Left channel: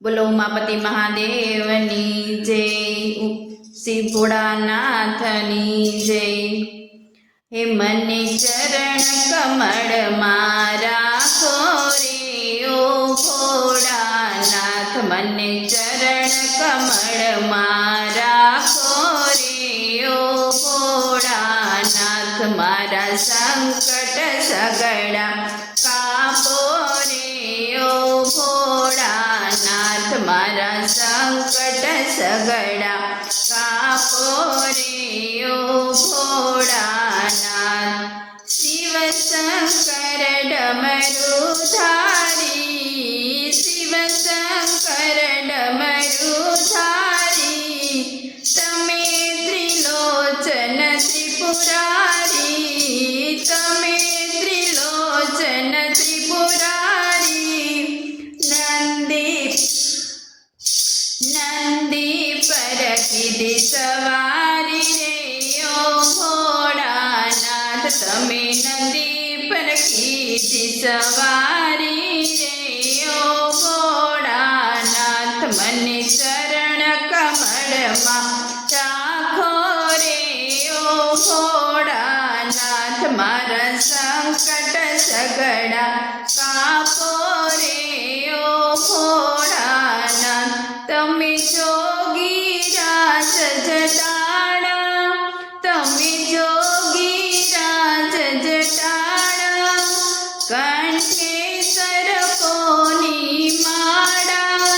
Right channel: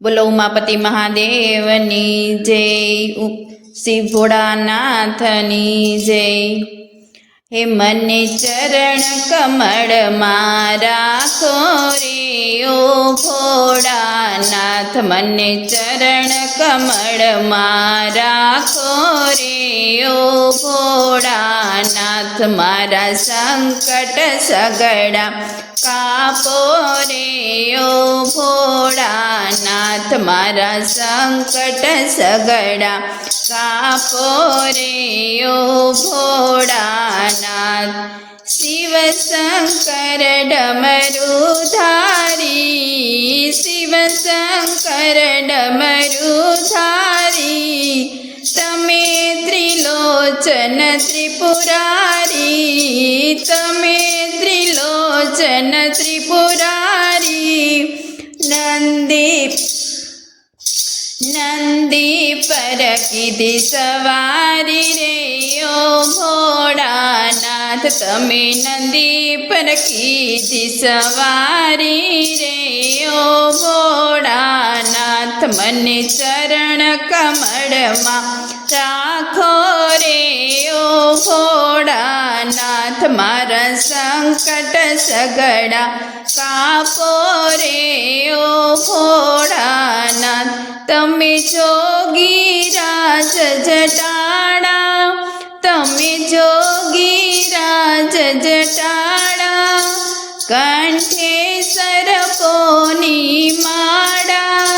બોલો ઉમાપતિ મહાદેવની જય, શ્રી ભોળાનાથની જય। હે મને ચરણ કમળમાં રાખો રે ઓ ભોળાનાથ, મને ચરણ કમળમાં રાખો રે ઓ ભોળાનાથ, મારા સંકટ સગડા કાપો રે ઓ ભોળાનાથ, મારા સંકટ સગડા કાપો રે ઓ ભોળાનાથ। શિવ શંકર ડમરુધારી, શિવ શંકર ડમરુધારી, તમે ત્રિલોચન ત્રિપુરારી, તમે ત્રિલોચન ત્રિપુરારી। નંદી પર કીધી સવારી રે ઓ ભોળાનાથ, તમે નંદી પર કીધી સવારી રે ઓ ભોળાનાથ, મને ચરણ કમળમાં રાખો રે ઓ ભોળાનાથ, મારા સંકટ સગડા કાપો રે ઓ ભોળાનાથ। તમે જોગીરાજ જટાડા, તમે જોગીરાજ જટાડા, કંઠે સર્પોની માળા,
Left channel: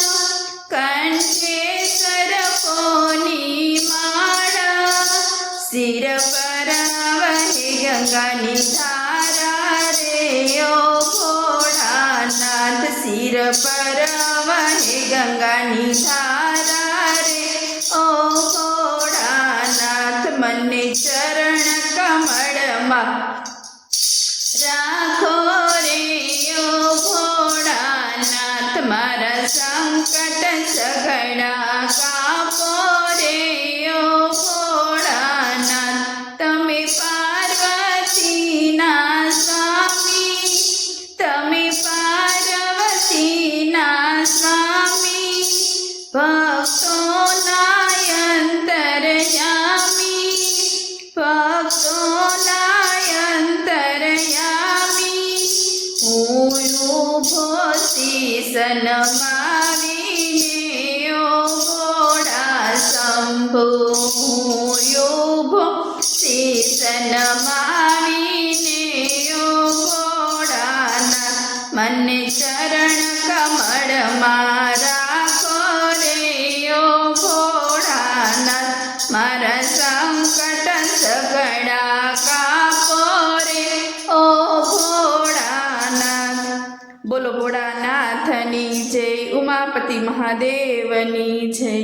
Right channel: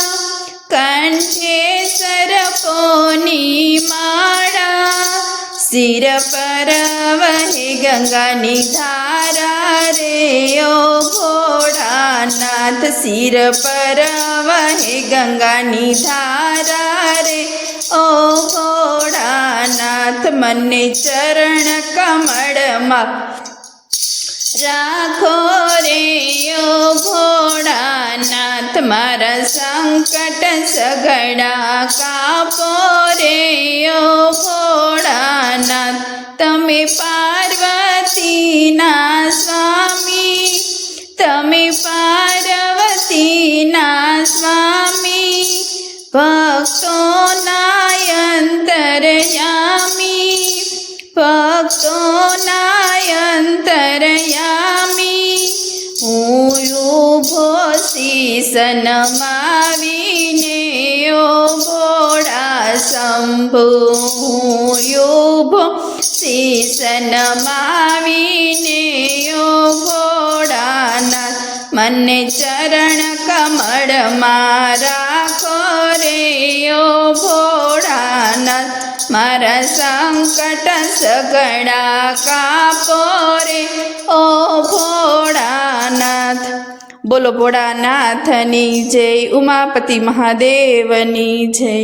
કંઠે સર્પોની માળા, શિર પર વહે ગંગાની ધારા રે ઓ ભોળાનાથ, શિર પર વહે ગંગાની ધારા રે ઓ ભોળાનાથ, મને ચરણ કમળમાં રાખો રે ઓ ભોળાનાથ, મારા સંકટ સગડા કાપો રે ઓ ભોળાનાથ। તમે પાર્વતીના સ્વામી, તમે પાર્વતીના સ્વામી, ભક્તોના અંતરયામી, ભક્તોના અંતરયામી। હું ઊભો શીશ નમાવીને ઓ ભોળા શંભુ, હું ઊભો શીશ નમાવીને ઓ ભોળાનાથ, મને ચરણ કમળમાં રાખો રે ઓ ભોળાનાથ, મારા સંકટ સગડા કાપો રે ઓ ભોળાનાથ। બોલો ભોળાનાથની જય, ઉમાપતિ મહાદેવની જય।